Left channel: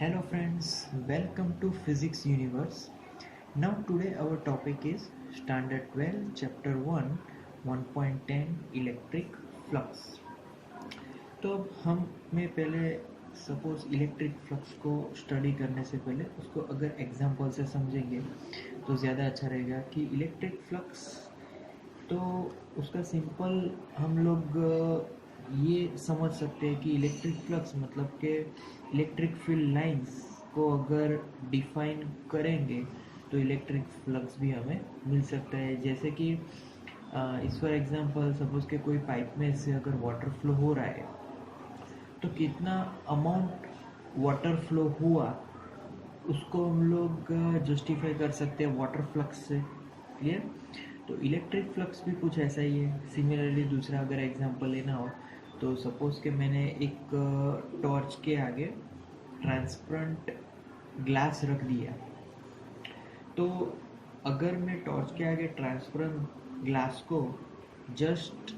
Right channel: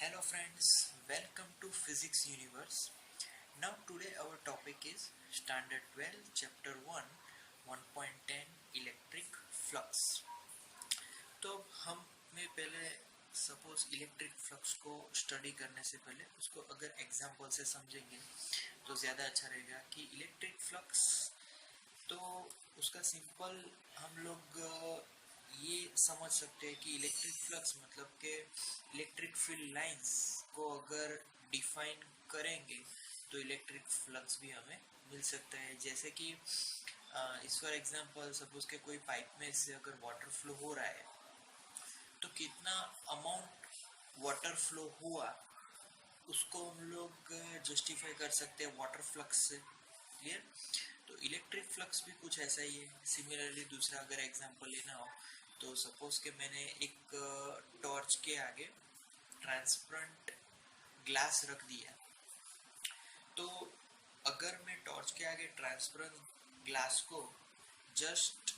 Hello friends, welcome to Physics Universe. Now today our topic is Standard 12 Chapter 1 1.10 Electric Flux. तो अब हम में पहले सपोज इलेक्ट्रिक फ्लक्स को स्टडी करने से पहले उसको अगर एग्जांपल से समझेंगे तो ज़्यादा अच्छा रहेगा कि इलेक्ट्रिक फ्लक्स तो उसका सिंपल हम लोग ये समझ सकते हैं कि इलेक्ट्रिक फ्लक्स मतलब के इलेक्ट्रिक फील्ड लाइंस को अगर डिफाइन करेंगे तो इलेक्ट्रिक फ्लक्स भी हमें मिल सकता है। जैसे कि इस फॉर एग्जांपल सपोज के कोई पाइप में से अगर वाटर फ्लो हो रहा है तो कितना अमाउंट वाटर फ्लो हुआ उसको हम लोग जस्टिफाई कर सकते हैं वाटर फ्लक्स से। क्लियर। तो इलेक्ट्रिक फ्लक्स भी कुछ ऐसा ही है। सिमिलरली दूसरा अगर एग्जांपल लेना हो तो सपोज़ कि मैंने एक टॉर्च के आगे ट्रांसपेरेंट ग्लास रख दिया, तो अगर मैं टॉर्च के आगे ट्रांसपेरेंट ग्लास को जस्ट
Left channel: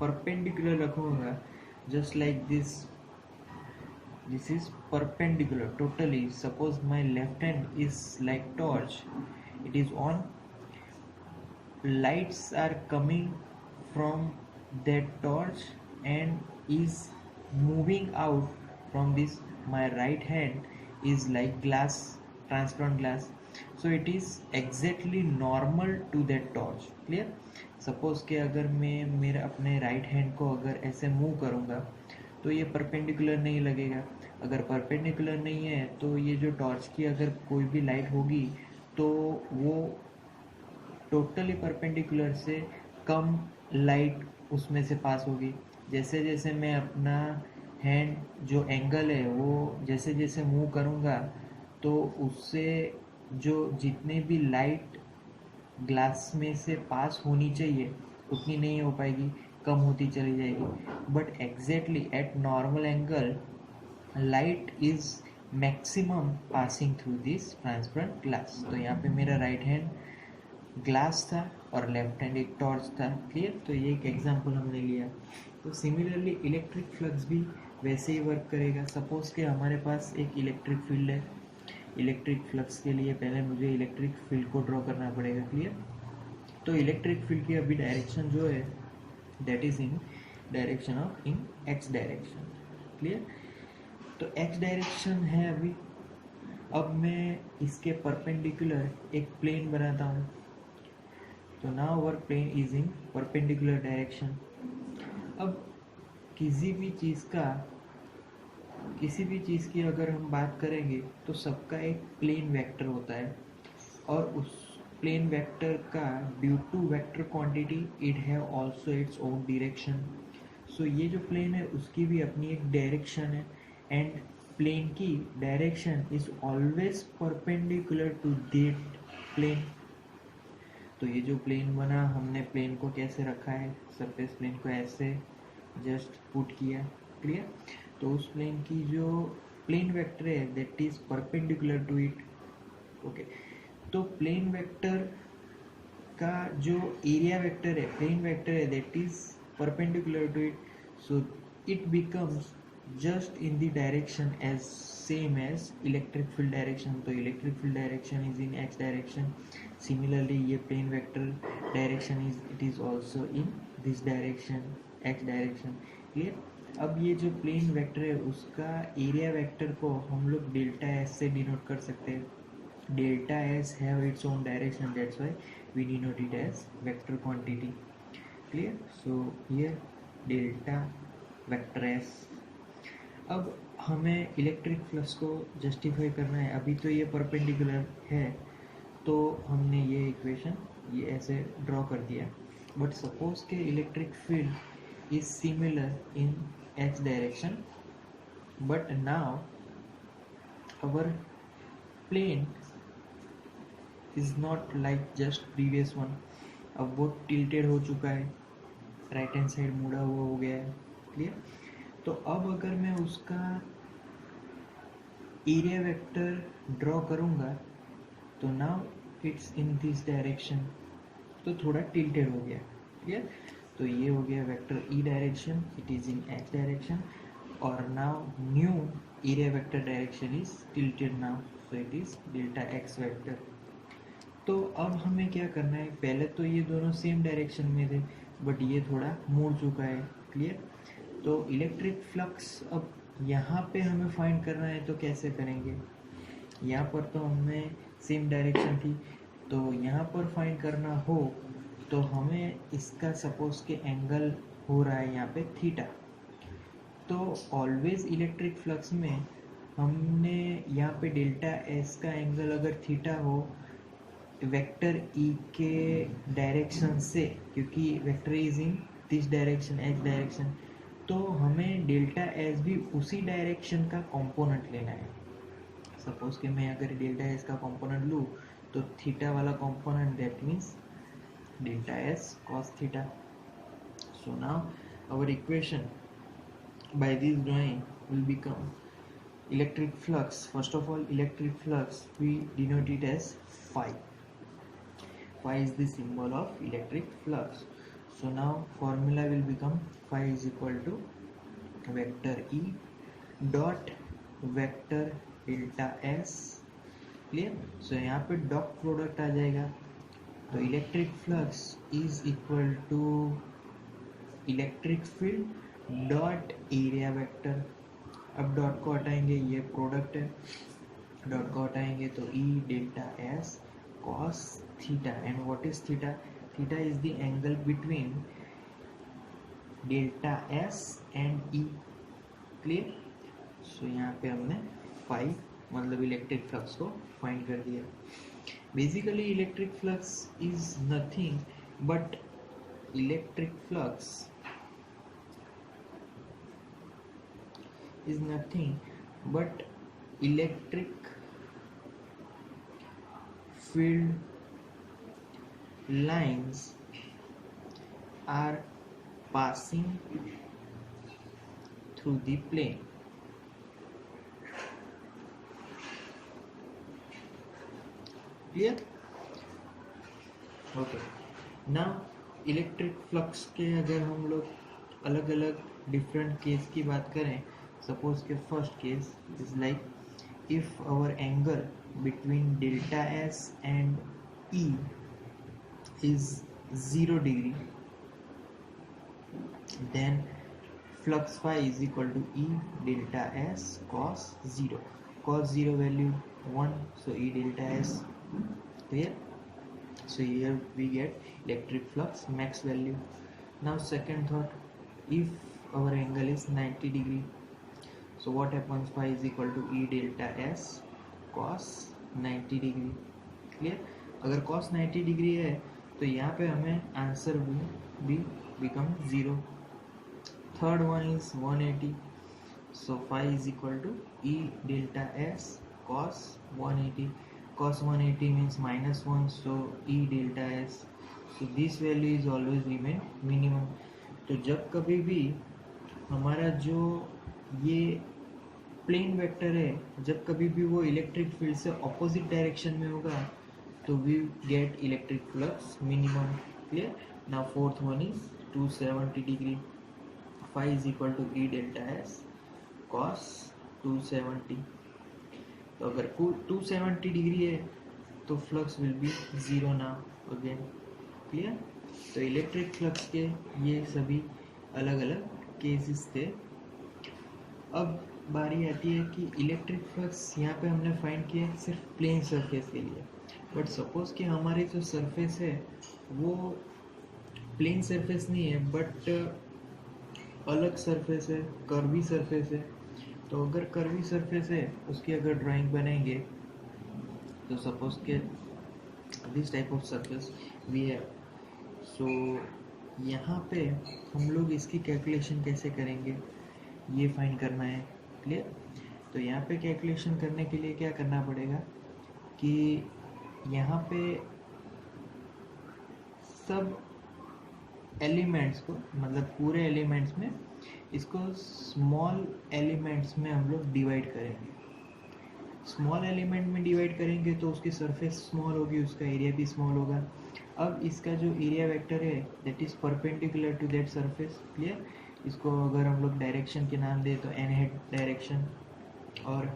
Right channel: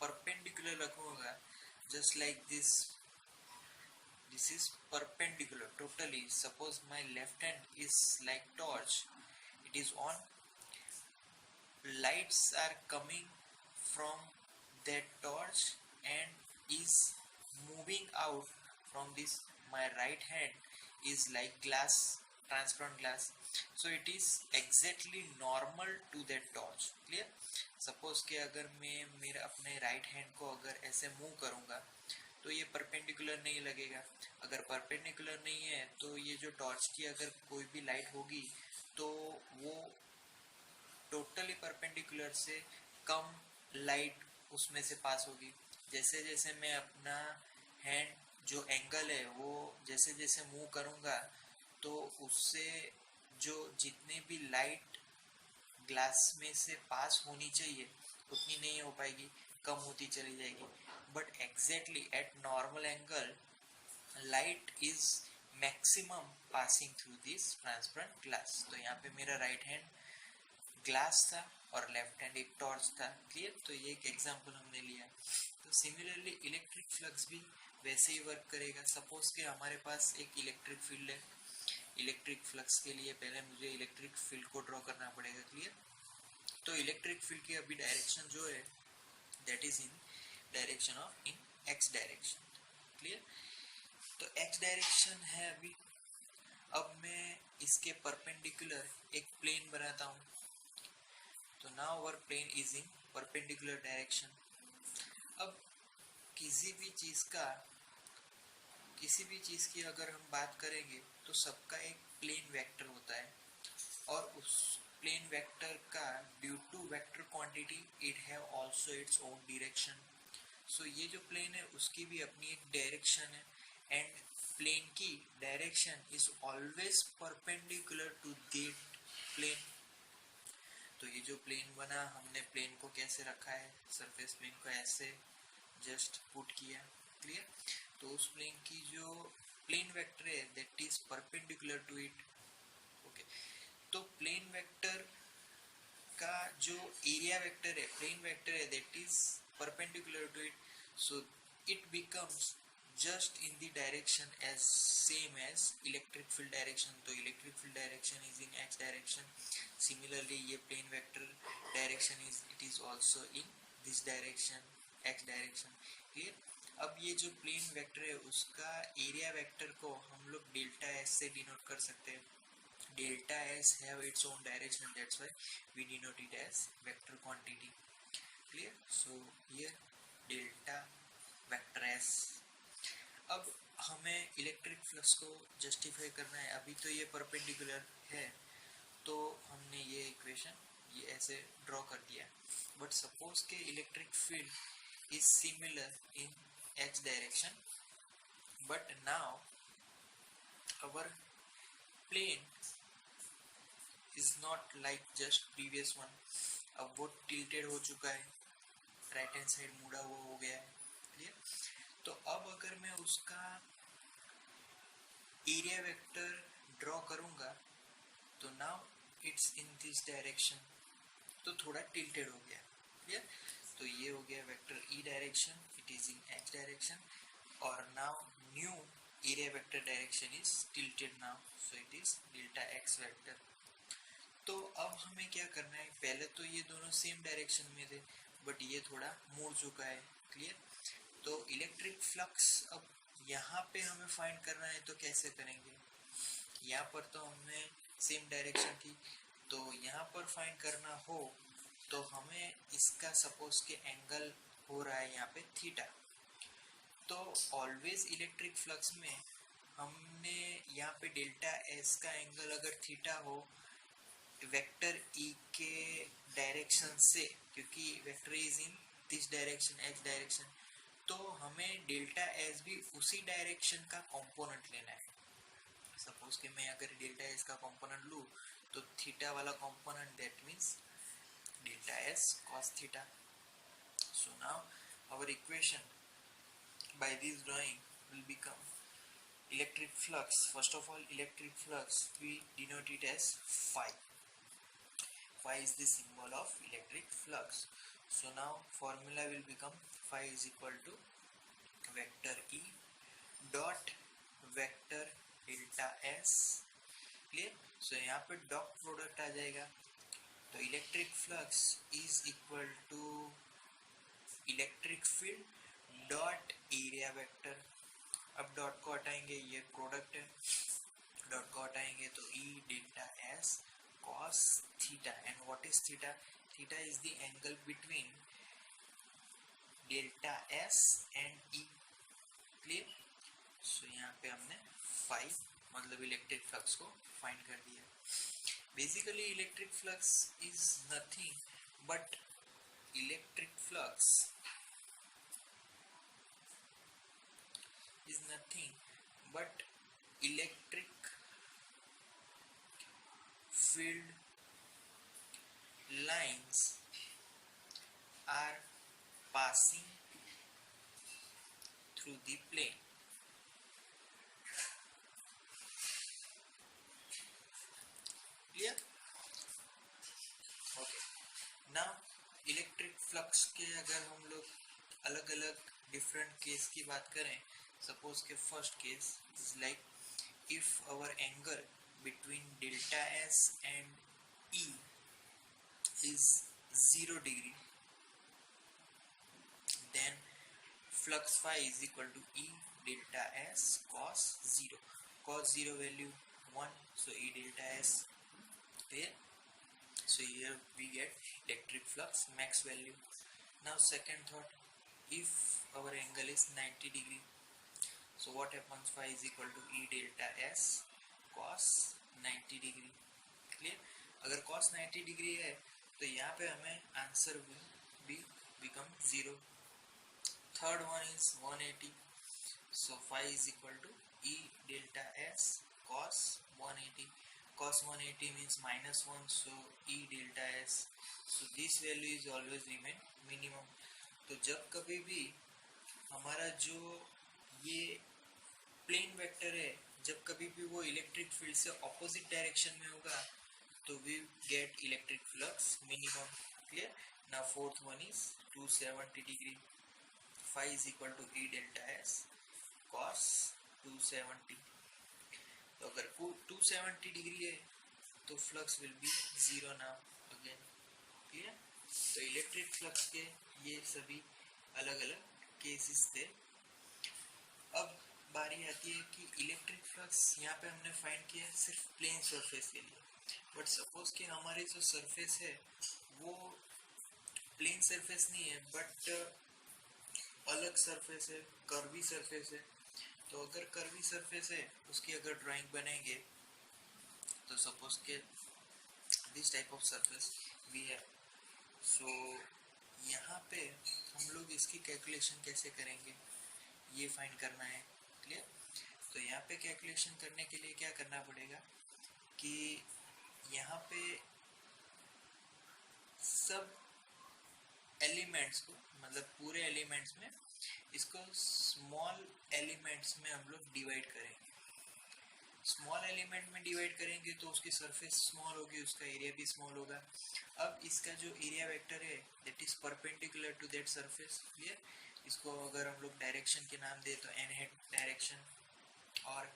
परपेंडिकुलर रखूँगा, just like this is perpendicular totally. Suppose my left hand is like torch, it is on, lights are coming from that torch and is moving out from this. My right hand is like glass, transparent glass, so it is exactly normal to that torch. Clear. Suppose कि अगर मैं मेरे अपने right hand को अगर ऐसे move करूँगा तो ये परपेंडिकुलर नहीं लगेगा। अगर परपेंडिकुलर नहीं है तो ये जो टॉर्च की अगर कोई भी लाइट होगी तो वो टोटली परपेंडिकुलर से कम लाइट उसमें से पास होगी। जैसे जैसे मैं अपना हैंड जो एंगल है वो जैसे जैसे मूव करूँगा तो उससे जो जितने भी लाइट ग्लास में से पास होनी चाहिए उतनी नहीं हो पाएगी, कम होती चली जाएगी। But exactly at normal angle light is maximum passing through this transparent glass. तो यहाँ पे मेरा राइट हैंड ग्लास था और लेफ्ट हैंड एक टॉर्च था। क्लियर। तो ये एक एग्जांपल हमने लिया। तो सिमिलरली इलेक्ट्रिक फ्लक्स भी वैसे ही वर्क करेगा। सपोज कि हमारे पास एक इलेक्ट्रिक फील्ड है। इलेक्ट्रिक फ्लक्स के लिए पहले मुझे इलेक्ट्रिक फील्ड को ड्रॉ करना पड़ेगा। क्लियर। तो इलेक्ट्रिक फील्ड की अभी डायरेक्शन जो है that is in direction of in X direction. Clear. तो एक्स डायरेक्शन है अभी। अब मैं इसके परपेंडिकुलर एक प्लेन बनाता हूँ। तो now our plane is in perpendicular direction. अब किसी भी चीज़ का किसी भी चीज़ की अगर हम बात करेंगे तो सबका एक प्लेन वेक्टर होता है और उस प्लेन वेक्टर का due to vector quantity it have also its own direction. So ये जो प्लेन है उसकी भी अपनी एक डायरेक्शन है एंड प्लेन की direction is always perpendicular to that plane. तो ये जो प्लेन बना हमने प्लेन को कैसे रखा है, सरफेस प्लेन को ऐसे जस्ट पुट किया। क्लियर। तो उस प्लेन की जो प्लेन वेक्टर है that is perpendicular to it. Okay. तो प्लेन वेक्टर का जो एरिया वेक्टर है प्लेन वेक्टर है that is perpendicular to it, so it becomes just in the direction as same as electric field direction. तो electric field direction is in x direction. Similarly ये plane vector direction is it is also in this direction, x direction. Clear. अब ये जो plane vector है उसका area vector को हम लोग डेल्टा एस से डिनोट कर सकते हैं। Delta S have its own direction, that's why we denote it as vector quantity. Clear. So here delta vector S. अब हमें इलेक्ट्रिक फ्लक्स को जस्टिफाई करना है। अभी तो ये परपेंडिकुलर है तो हमने ये इक्वेशन ये ऐसे ड्रॉ कर दिया। बट सपोज के electric field is similar in X direction, but now our plane is not like just previous one. अब वो टिल्टेड हो चुका है, राइट हैंड साइड मुड़ा हुआ हो गया है। क्लियर। तो अब अगर मैं उसका एरिया वेक्टर ड्रॉ करूँगा तो now it's in this direction, तो थोड़ा टिल्टेड हो गया। क्लियर। तो ये हो गया vector E direction, it is in X direction. और now new area vector direction is tilted now, so it is delta x vector. तो अब हमें क्या करना है, पहले तो ये दोनों सेम डायरेक्शन में थे बट ये थोड़ा मुड़ चुका है, क्लियर। तो इलेक्ट्रिक फ्लक्स अब यहाँ पे हमें फाइंड करना है, तो कैसे करेंगे, यहाँ पर तो हमें सेम डायरेक्शन थी, तो यहाँ पर फाइंड करना हो तो हमें इसका सपोज के एंगल हो रहा है यहाँ पे थीटा, तो ऑलवेज इलेक्ट्रिक फ्लक्स में हमने यहाँ पे डेल्टा एस का एंगल अगर थीटा हो वेक्टर ई के डायरेक्शन से, क्योंकि vector is in this direction x direction, तो हमें डेल्टा एस भी उसी डायरेक्शन का कंपोनेंट लेना है। सपोज कि मैं अगर डेल्टा एस का कंपोनेंट लूँ तो थीटा वाला component that means delta S cos theta. So now our equation by this drawing will become electric flux. First of all, electric flux we denote it as phi. Phi is the symbol of electric flux. So now formula will become phi is equal to vector E dot vector delta S. Clear. So यहाँ पे dot product आ जाएगा, तो electric flux is equal to electric field dot area vector. अब dot को हटाएंगे, ये product है, डॉट को हटाएंगे तो E delta S cos theta, and what is theta, theta is the angle between delta S and E, clear. So यहाँ पे हमने फाई मतलब इलेक्ट्रिक फ्लक्स को फाइंड कर दिया। Basically electric flux is nothing but electric flux is nothing but electric field lines are passing through the plane. Clear? Okay. Now electric flux के अगर हम लोग अलग अलग डिफरेंट केस की बात करें, suppose के first case is like if our angle between delta S and E is 0 degree, then flux phi is equal to E delta S cos 0. Cos 0 value 1, so E delta S, clear. So here we get electric flux max value. Now second thought, if our angle is 90 degree, so what happens, phi is equal to E delta S cos 90 degree, clear. अगर cos 90 degree है तो यहाँ पे हमें answer भी become 0। Third one is 180, so phi is equal to E delta S cos 180, cos 180 means -1, so E delta S, so this value is always remain minimum। तो जब कभी भी हमारा जो ये प्लेन वेक्टर है, जब कभी भी वो इलेक्ट्रिक फील्ड से ऑपोजिट डायरेक्शन में होगा तो we get electric flux minimum, clear. Now fourth one is 270 degree, phi is equal to E delta S cos 270, तो अगर 270 डिग्री है तो flux will be 0 now again, clear. तो इलेक्ट्रिक फ्लक्स के ये सभी अलग अलग केसेस थे। अब बारी आती है कि इलेक्ट्रिक फ्लक्स यहाँ पे हमने फाइंड किया सिर्फ प्लेन सरफेस के लिए, बट सपोज़ कि हमारी जो सरफेस है वो प्लेन सरफेस नहीं है बट अलग सरफेस है, कर्वी सरफेस है। तो अगर कर्वी सरफेस है उसकी अगर ड्राइंग बनाएंगे तो सपोज के this type of surface we है, सो यहाँ पे हम लोग इसकी कैलकुलेशन कैसे करेंगे ये फाइंड करना है, क्लियर। तो यहाँ पे कैलकुलेशन करने के लिए क्या करना पड़ेगा कि यहाँ पे सब एलिमेंट्स को, मतलब पूरे एलिमेंट्स में इसको स्मॉल एलिमेंट्स में हम लोग डिवाइड करेंगे। स्मॉल एलिमेंट में डिवाइड करेंगे तो उसकी सरफेस स्मॉल होगी, उसका एरिया भी स्मॉल होगा। अब इसका जो एरिया वेक्टर है that is perpendicular to that surface, clear. इसको अगर हम लोग डायरेक्शन के नाम दें तो एन हेड डायरेक्शन, और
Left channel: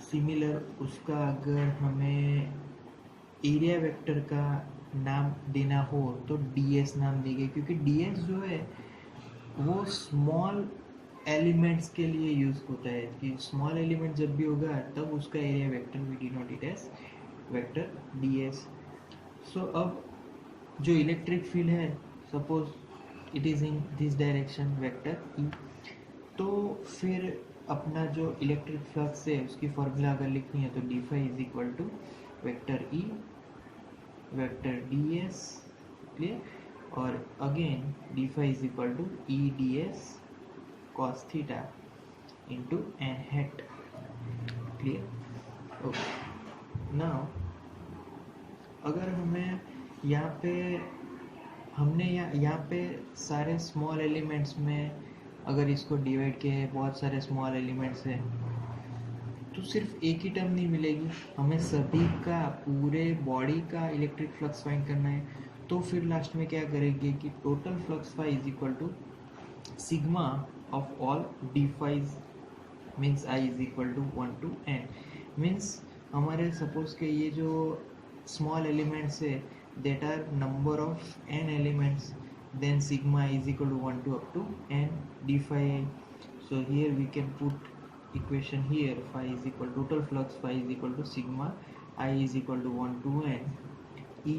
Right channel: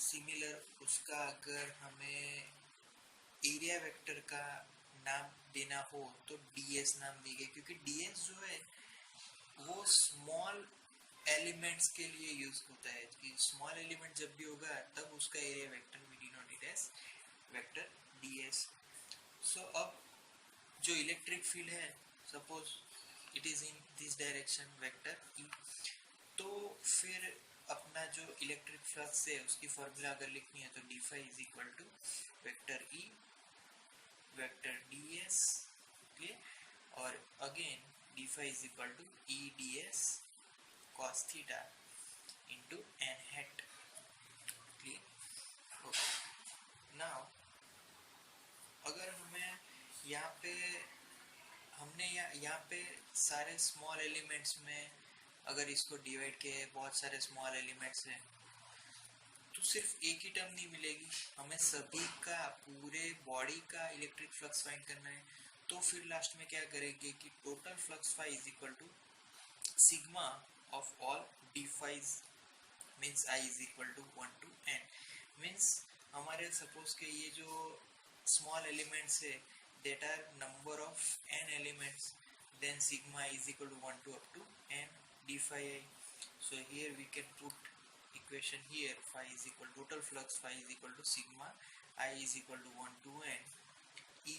सिमिलर उसका अगर हमें एरिया वेक्टर का नाम देना हो तो ds नाम देंगे, क्योंकि ds जो है वो स्मॉल एलिमेंट्स के लिए यूज होता है, कि स्मॉल एलिमेंट जब भी होगा तब उसका area vector we denote as vector ds. So अब जो इलेक्ट्रिक फील्ड है, suppose it is in this direction vector E, तो फिर अपना जो इलेक्ट्रिक फ्लक्स है उसकी फॉर्मूला अगर लिखनी है तो d phi is equal to vector E vector d S. Clear. और again d phi is equal to E d S cos theta into n hat. Clear. Okay. Now अगर हमें यहाँ पे हमने यहाँ पे सारे स्मॉल एलिमेंट्स में अगर इसको डिवाइड किया है, बहुत सारे स्मॉल एलिमेंट्स हैं, तो सिर्फ एक ही टर्म नहीं मिलेगी, हमें सभी का पूरे बॉडी का इलेक्ट्रिक फ्लक्स फाइंड करना है. तो फिर लास्ट में क्या करेंगे कि total flux phi is equal to sigma of all d phis means i is equal to 1 to n. Means हमारे सपोज के ये जो स्मॉल एलिमेंट्स है that are number of n elements, then sigma is equal to 1 to up to n d phi I. So here we can put equation here, phi is equal to total flux phi is equal to sigma I is equal to 1 to n e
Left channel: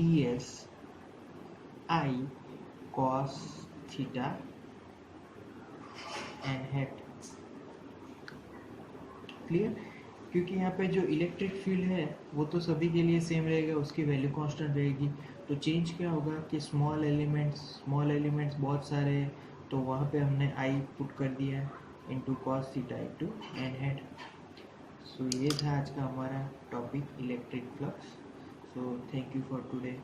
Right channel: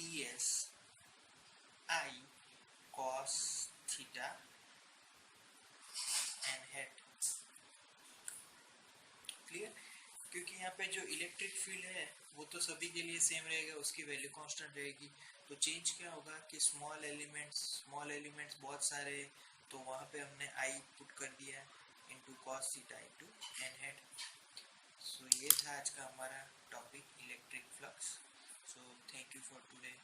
ds I cos theta n hat. Clear. क्योंकि यहाँ पे जो electric field है वो तो सभी के लिए सेम रहेगा, उसकी वैल्यू कांस्टेंट रहेगी. तो चेंज क्या होगा कि स्मॉल एलिमेंट्स बहुत सारे हैं, तो वहाँ पे हमने आई पुट कर दिया into cos theta into n hat. So ये था आज का हमारा topic electric flux. So thank you for today.